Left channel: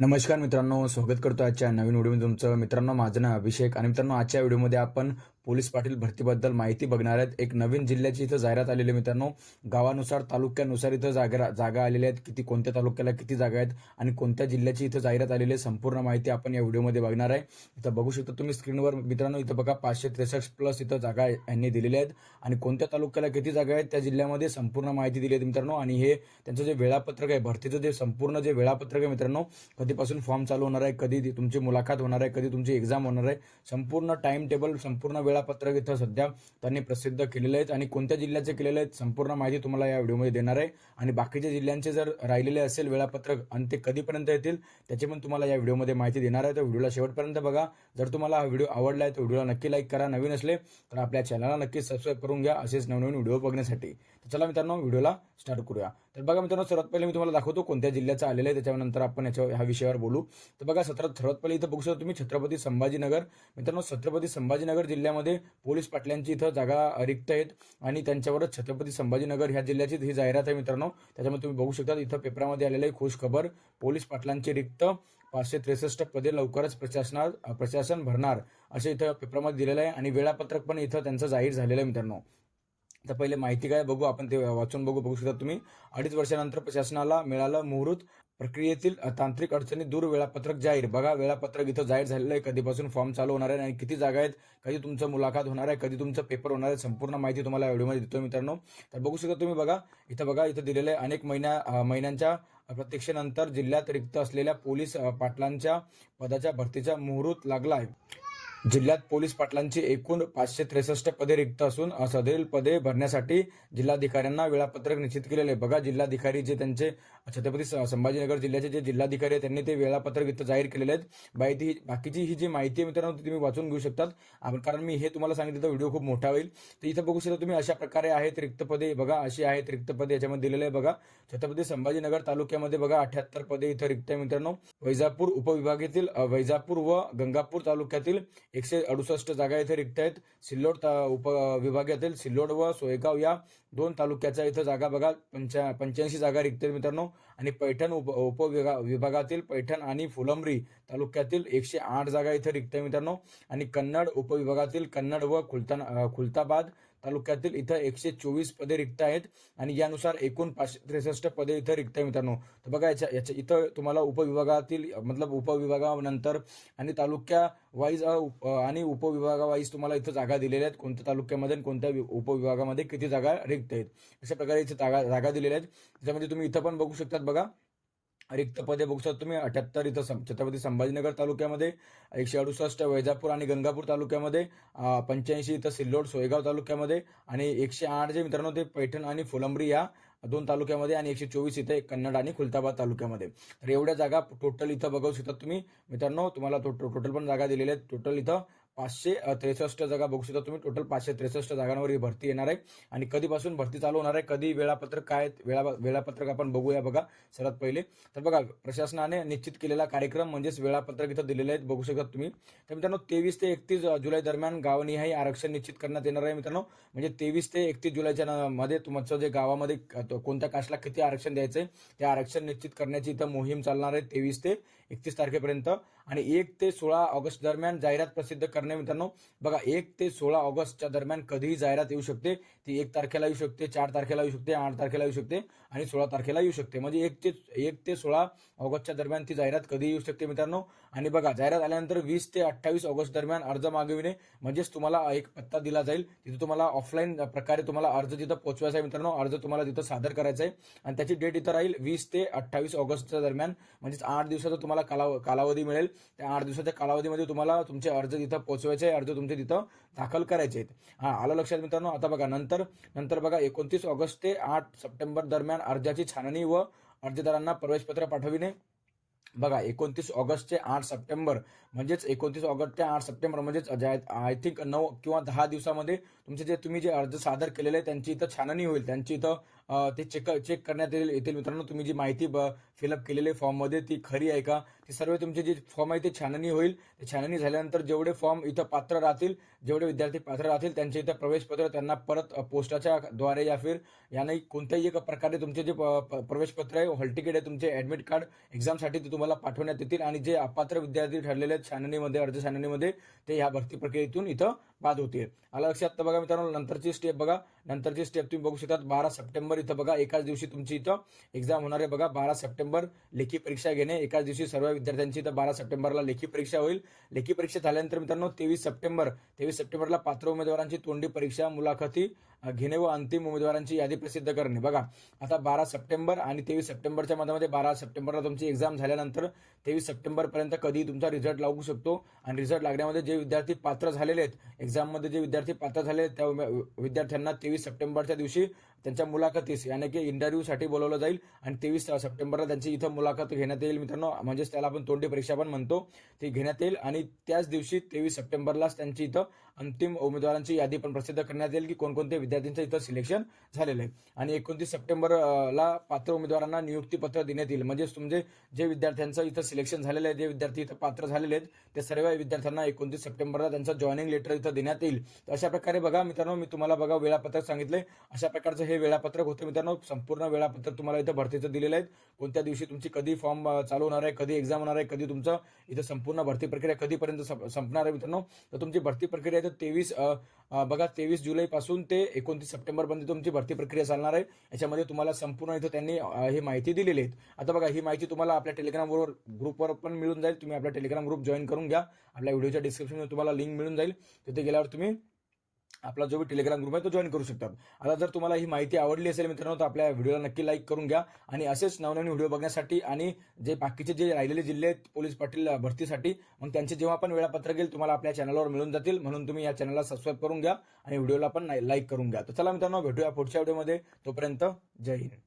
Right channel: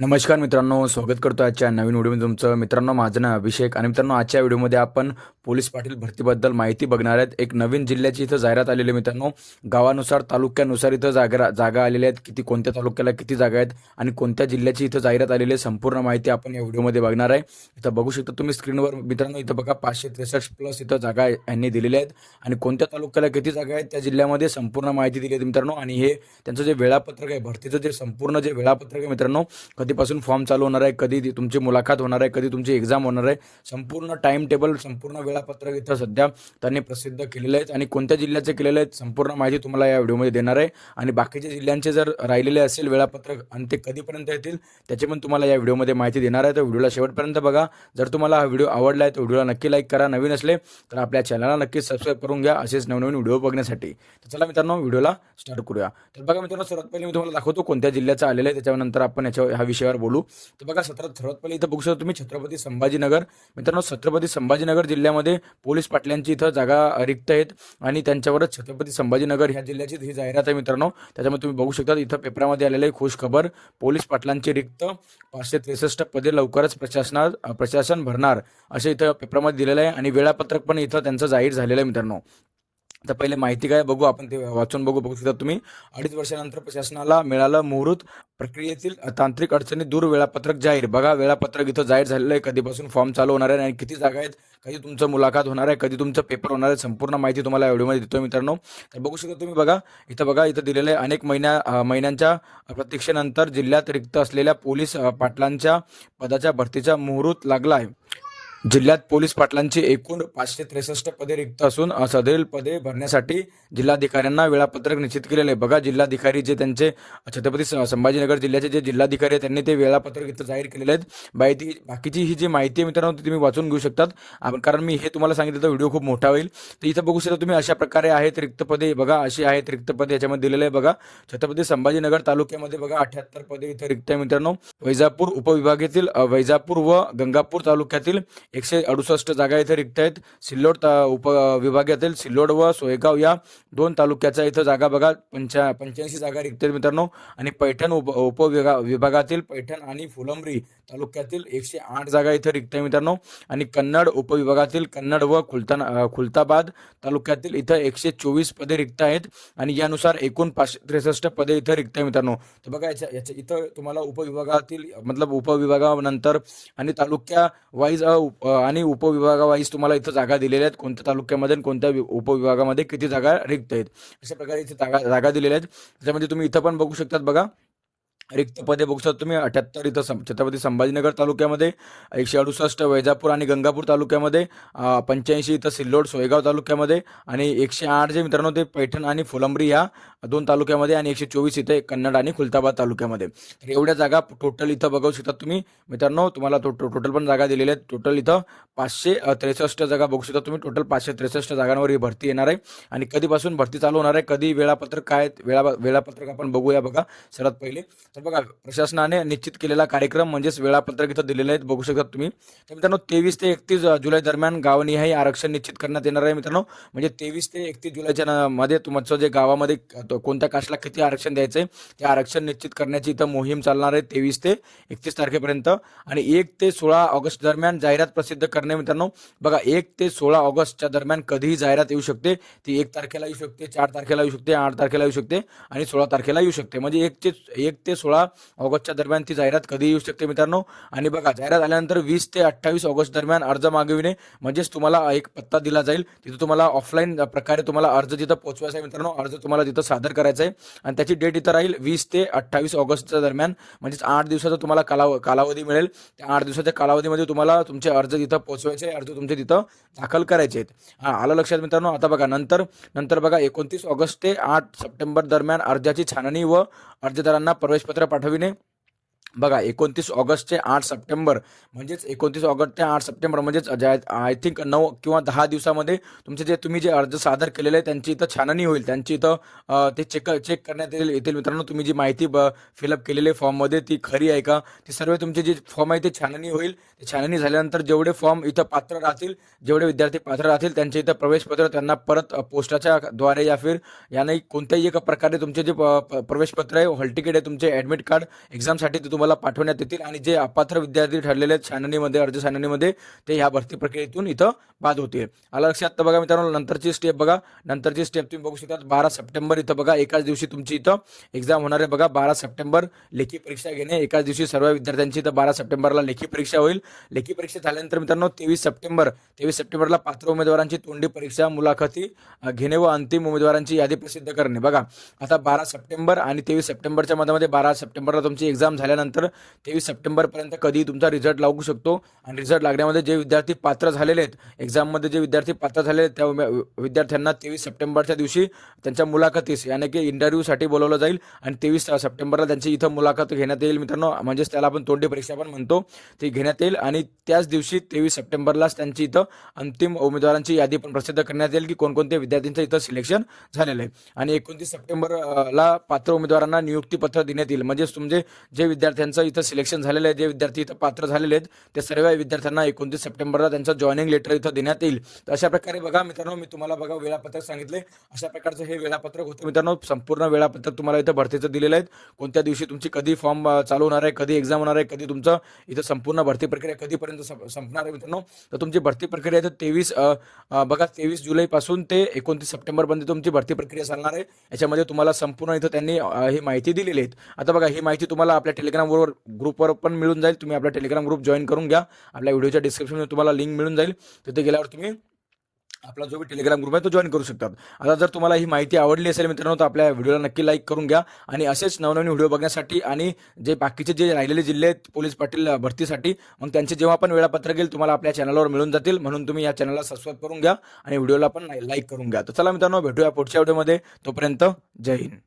नमस्कार मित्रांनो स्वागत करतो आजच्या नवीन व्हिडिओमध्ये तुमचं. मित्रांनो माझं नाव अभिषेक आणि मित्रांनो आजच्या व्हिडिओमध्ये आपण पोलीस पाटील भरतीबद्दल माहिती बघणार आहेत. एक नवीन जिल्ह्याची इथं जाहिरात आलेली आहे मित्रांनो. गावानुसार तालुक्यानुसार इथं जागा जागा आलेल्या आहेत. किती कोणत्या तालुक्याला किती जागा आहेत आणि कोणत्या जिल्ह्याची इथं जाहिरात आलेली आहे संपूर्ण माहिती आपण या व्हिडिओमध्ये बघणार आहे. इथं बघू शकता तुम्ही स्क्रीनवर मित्रांनो इथं बघा पाचशे त्रेसष्ट प्लस इथं जागा यांनी दिलेल्या आहेत. आणि कोणत्या तालुक्याला किती जागा आहेत त्या जिल्ह्यामध्ये संपूर्ण माहिती दिली आहे मित्रांनो. आणि हे त्यांचं जे वेळापत्रक आहे भरतीचं जे संपूर्ण जे वेळापत्रक आहे मित्रांनो कधीपासून फॉर्म चालू होणार आहे कधी तुमची मुलाखत होणार आहे कधी तुमची एक्झाम होणार आहे संपूर्ण टाइम टेबल संपूर्ण वेळा वेळापत्रक इथं सध्या त्यांनी प्रसिद्ध केलेले आहेत आणि कोणत्या जिल्ह्याचे केलेले आहेत संपूर्ण माहिती तुम्हाला या व्हिडिओमध्ये देणार आहे. आणि बाकीच्या जिल्ह्यांचे जर राहिलेले असेल वेळापत्रक आणि ते कधीपर्यंत येतील त्याची पण तुम्हाला या व्हिडिओमध्ये माहिती देणार आहे. तर व्हिडिओला शेवटपर्यंत बघा. जर तुम्हाला हा व्हिडिओ आवडला आहे तर व्हिडिओला नक्की लाईक करा. नवीन असले तर आपल्या चॅनलला नक्की सबस्क्राईब करून घ्या असेच नवनवीन व्हिडिओ बघण्यासाठी. तर चला मित्रांनो व्हिडिओला स्टार्ट करूया. तर बघा मित्रांनो सर्वात पहिले मी तुम्हाला दाखवतो कोणत्या जिल्ह्याचा आलेला आहे. त्याच्यानंतर आपण याच्या ह्या विषयावर बोलू. तर बघा सतरा सर्वात पहिले इथं बघू शकता तुम्ही छत्रपती संभाजीनगर. मित्रांनो छत्रपती संभाजीनगर जिल्ह्यामध्ये पोलीस पाटलांची इथं जागा रिक्त आहेत आणि त्यांच्यावरच छत्रपती संभाजीनगर ह्या जिल्ह्याची ही जाहिरात आहे मित्रांनो. त्याच्यामध्ये तुम्ही बघू शकता इथं पेपरामध्ये आलेलं आहे खुश खबर पोलीस पाटलांची रिक्त पाचशे त्रेसष्ट पदे लवकरच प्रशासनात प्रशासन भरणार असे इथं पेपरामध्ये दिलेलं आहे आणि वेळापत्रक पण इथं त्यांचं जाहीर झालेलं आहे मित्रांनो. तर पहिले माहिती काय बघू आपण ते वाचून बघू बघू शकता तुम्ही. अडीच वर्षानंतर प्रशासनाला मिळालं मुहूर्त प्रक्रियेतील तांत्रिक अडचणी दूर वेळापत्रक जाहीर. बघा वेळापत्रक इथं जाहीर झालेलं आहे. कधीपासून फॉर्म चालू होणार आहे आणि किती जागा आहेत कधी तुमचं मुलाखत होणार आहे कधी तुमचं पेपर होणार आहे संपूर्ण माहिती तुम्हाला या व्हिडिओमध्ये देतोय मित्रांनो. तर बघू शकता तुम्ही बघा इथं बघा इथं दिलेलं आहे. अनेक महिन्या महिन्यांच्या प्रतीक्षेनंतर जिल्ह्यात रिक्त असलेल्या पोलीस पाटलांच्या पदाच्या भरतीचा मुहूर्त लागला आहे. जिल्ह्यात पोलीस पाटलांची एकूण पाचशे त्रेसष्ट पदे रिक्त असून सदरील पदे भरण्यासाठी जिल्हाधिकाऱ्यांना वेळापत्रक निश्चित केलेले आहे. बघा जिल्हाधिकारी जे त्यांचे छत्रपती संभाजीनगर जिल्ह्याचे जे जिल्हाधिकारी आहेत त्यांनी ते वेळापत्रक इथं जाहीर केलेले आहेत. माहिती बाकीची ही जी माहिती आहे मित्रांनो ती तुम्ही वाचून घेऊ शकतात. आपण कारण मी हे तुम्हाला सांगितलं तर व्हिडिओ खूप मोठा होईल. तर इथं बघू शकता तुम्ही अशा प्रकारे आहेत रिक्त पदे. बघा अशी आहेत रिक्त पदे याच्यामध्ये दिलेले आहे. बघा छत्रपती संभाजीनगर तालुक्यामध्ये बघा अठ्याहत्तर पदे इथं रिक्त आहे मित्रांनो. वैजापूर उपविभागातील वैजापूर व गंगापूर तालुक्यातील एकशे अडुसष्ट जागा इथे रिक्त आहेत सिल्लोड ता उपविभागातील सिल्लोड व सोयगाव या दोन तालुक्याच्या इथं जागा बघा. पंच्या पंच्याऐंशी जागा रिक्त आहेत मित्रांनो. आणि पैठण उप उपविभा विभागातील पैठण आणि फुलंब्री तालुक्यातील एकशे आठ जागा इथं रिक्त आहे मित्रांनो. आणि कन्नड उपविभागातील कन्नड व खुलतान खुलताबाद तालुक्यातील इथं एकशे चोवीस पदे रिक्त आहेत आणि यानुसार एकूण पाचशे त्रेसष्ट पदे इथं रिक्त आहे मित्रांनो. तर बघा याच्या याच्या इथं तुम्हाला उपविभागातील मतलब उपविभागानंतर आणि तालुक्या वाईज आणि उपविभागावाईज तुम्हाला इथं जागा दिलेल्या आहेत. कोणत्या तालुक्यामध्ये आणि कोणत्या वि- उपविभागामध्ये किती जागा रिक्त आहेत? अशा प्रकारे इथे जागा जागा दिलेल्या आहेत. त्याच्यामध्ये तुम्ही इथं पण बघू शकतात बघा. रिक्त पदे बघू शकता तुम्ही अठ्याहत्तर इथं सं- छत्रपती संभाजीनगर तालुक्यामध्ये एकशे अडुसष्ट वैजापूर आणि गंगापूर तालुक्यामध्ये पंच्याऐंशी इथं सिल्लोड सोयगाव तालुक्यामध्ये आणि एकशे आठ जे मित्रांनो ते पैठण आणि फुलंब्री या दोन तालुक्यामध्ये आणि एकशे चोवीस इथे कन्नड आणि खुलताबाद तालुक्यामध्ये. तर एवढ्या जागा टोटल इथं बघू शकता तुम्ही. मित्रांनो तुम्हाला तो टोटल पण जागा दिलेल्या आहेत. टोटल इथं पाचशे त्रेसष्ट जागा बघू शकता तुम्ही. टोटल पाचशे त्रेसष्ट जागांवर ही भरती येणार आहे. आणि कधीपासून भरती चालू होणार आहे? कधी वेळापत्रक काय वेळा वेळापत्रक आपण बघूया बघा. सर्वात पहिले. तर बघा प्रशासनाने निश्चित केलेला कार्यक्रम म्हणजेच वेळापत्रक इथं दिलेलं आहेत बघू शकता तुम्ही. तर मित्रांनो तेवीस ते एकतीस जुलै दरम्यान गावनिहाय आरक्षण निश्चित करण्यात येणार आहे मित्रांनो. म्हणजे तेवीस ते एकतीस जुलैच्या मध्ये तुमचं जे गावामध्ये कोणत्या कास्टला किती आरक्षण द्यायचं आहे ते आरक्षण निश्चित करण्याची इथं मोहीम चालणार आहे तेवीस ते एकतीस तारखेपर्यंत. आणि एक ते सोळा ऑगस्ट दरम्यान जाहिरात प्रसिद्ध करणे मित्रांनो. बघा एक ते सोळा ऑगस्टच्या दरम्यान कधीही जाहिरात येऊ शकते. ती एक तारखेला येऊ शकते चार तारखेला येऊ शकते आठ तारखेला येऊ शकते आणि सोळा तारखेला येऊ शकते. म्हणजे एक ते एक ते सोळा ऑगस्टच्या दरम्यान ती जाहिरात कधी येऊ शकते मित्रांनो. आणि बघा जाहिरात आल्यानंतर वीस ते अठ्ठावीस ऑगस्ट दरम्यान अर्ज मागविणे म्हणजेच तुम्हाला एक पत्ता दिला जाईल. तिथे तुम्हाला ऑफलाईन प्रकारे तुम्हाला अर्ज तिथं पोहोचवायचा आहे मित्रांनो अर्ज तुम्हाला तिथं सादर करायचा आहे. आणि त्याची डेट इथं राहील वीस ते अठ्ठावीस ऑगस्टच्या दरम्यान म्हणजेच आठ दिवसाचा तुम्हाला कालाव कालावधी मिळेल. त्या आठ दिवसाच्या कालावधीमध्ये तुम्हाला तुमचे अर्ज तिथं पोहोचवायचे अर्ज तुमचे तिथं दाखल करायचे आहेत. हा आलं लक्षात मित्रांनो? आता बघा नंतर नंतर बघा एकोणतीस ऑगस्ट ते आठ सप्टेंबर दरम्यान अर्जाची छाननी व अर्जदारांना प्रवेशपत्र पाठविणे. बघा एकोणतीस ऑगस्ट ते आठ सप्टेंबर म्हणजेच एकोणतीस ऑगस्ट ते आठ सप्टेंबर म्हणजेच आय थिंक नऊ किंवा दहा दिवसामध्ये तुमचे जे तुम्ही जे अर्ज सादर केलेले आहे त्यांची इथं छाननी होईल. त्यांची इथं ते चेक चेक करण्यात येईल. येतील मित्रांनो तुम्ही जी माहिती फिलअप केलेली फॉर्ममध्ये ती खरी आहे का? ती सर्व तुमचे जे फॉर्म आहे ते छाननी होईल. ते छाननी झाल्यानंतर जेवढे फॉर्म इथं पात्र राहतील जेवढे विद्यार्थी पात्र राहतील त्यांचे इथं प्रवेशपत्र त्यांना परत पोस्टाच्या द्वारे या फिर याने कोणत्याही एका प्रकारे तुमचे जे प- प्रवेशपत्र आहे हॉल तिकीट आहे तुमचे ॲडमिट कार्ड एक्झामसाठी तुम्ही तुम्हाला पाठवण्यात येतील आणि जे अपात्र विद्यार्थी ठरलेले आहेत छाननीमध्ये अर्ज छाननीमध्ये ते ह्या भरती प्रक्रियेतून इथं बाद होतील. आला लक्षात? तर बघा मित्रांनो नंतरची स्टेप बघा. नंतरची स्टेप तुम्ही बघू शकता बारा सप्टेंबर इथं बघा एकाच दिवशी तुमची इथं एक्झाम होणार आहे. बघा बारा सप्टेंबर लेखी परीक्षा घेणे. एकाच दिवशी सर्व विद्यार्थ्यांची इथं बारा सप्टेंबरला लेखी परीक्षा होईल. लेखी परीक्षा झाल्यानंतर मित्रांनो तेवीस सप्टेंबर तेवीस सप्टेंबरला पात्र उमेदवारांची तोंडी परीक्षा मुलाखती घेणे व अंतिम उमेदवारांची यादी प्रसिद्ध करणे. बघा आता बारा सप्टेंबर आणि तेवीस सप्टेंबरच्या मधामध्ये बारा सप्टेंबरला तुमची एक्झाम झाल्यानंतर तेवीस सप्टेंबरपर्यंत कधी तुमचा रिझल्ट लागू शकतो. आणि रिझल्ट लागण्यामध्ये जे विद्यार्थी पात्र झालेले आहेत एक्झाममध्ये जे विद्यार्थी पात्र झालेले आहेत त्या विद्यार्थ्यांना तेवीस सप्टेंबरच्या दिवशी त्यांच्या मुलाखतीस याने की इंटरव्ह्यूसाठी बोलवलं जाईल. आणि तेवीस सप्टेंबरला त्यांची इथं मुलाखत घेण्यात येईल मित्रांनो. म्हणजेच त्याला आपण तोंडी परीक्षा पण म्हणतो. ती घेण्यात येईल. आणि त्याच दिवशी तेवीस सप्टेंबरलाच त्यांची इथं अंतिम उमेदवारांची यादी पण प्रसिद्ध करण्यात येईल की कोणकोणत्या विद्यार्थ्यांचं इथं सिलेक्शन झालेलं आहे. आणि एकोणतीस सप्टेंबरला पात्र उमेदवारांना नियुक्तीपत्र देण्यात येईल. म्हणजेच तुमचे जे विद्यार्थी विद्यार्थ्यांचं इथं सिलेक्शन झालेलं आहे. जे विद्यार्थी इथं पात्र झालेले आहेत त्या सर्व विद्यार्थ्यांना एकोणतीस सप्टेंबरला त्यांचं जॉईनिंग लेटर इथं देण्यात येईल. तर अशा प्रकारे बघा मित्रांनो मी तुम्हाला बघा वेळापत्रक सांगितले. अशा प्रकारचं हे वेळापत्रक होतं मित्रांनो. संपूर्ण वेळापत्रक तुम्हाला इथं भरतीचं दिलेलं आहे. कोणत्या दिवशी तुमची कधी फॉर्म चालू होणार आहे कधी एक्झाम होणार आहे कधी तुमचं इथं संपूर्ण भरती प्रक्रिया कधीपर्यंत संपणार आहे मित्रांनो. तर तुमची भरती प्रक्रिया इथं तेवीस बघा तेवीस जुलैपासून ते एकोणतीस सप्टेंबरपर्यंत तुमची भरती प्रक्रिया चालणार आहे. याच्यामध्ये तुम्हाला संपूर्ण इथं त्यांनी ही माहिती दिलेली आहे. आता बघा ही माहिती तुम्हाला आपल्या टेलिग्राम टेलिग्रामवर ग्रुपवर पण मिळून जाईल. तुम्ही आपला टेलिग्राम ग्रुप जॉईन करून घ्या. आपल्या व्हिडिओच्या डिस्क्रिप्शनमध्ये तुम्हाला लिंक मिळून जाईल. तिथे गेल्यावर तुम्ही आपला जो भी टेलिग्राम ग्रुप आहे तो जॉईन करू शकतात. आता जर तुम्हाला ही माहिती आवडली असेल मित्रांनो तर आपल्या व्हिडिओला नक्की लाईक करून घ्या आणि असेच नवनवीन व्हिडिओ बघण्यासाठी आणि जे बाकीचे जे राहिलेले जिल्हे आहेत पोलीस पाटील भरतीसाठी मग त्यांचे जेव्हा पण वेळापत्रक येईल तुम्हाला आपल्या चॅनलवर मिळून जातील. म्हणून तुम्ही या चॅनलला सबस्क्राईब करून घ्या आणि व्हिडिओला पण लाईक करून घ्या. तर चला मित्रांनो भेटूया पुढच्या व्हिडिओमध्ये. तोपर्यंत जय हिंद.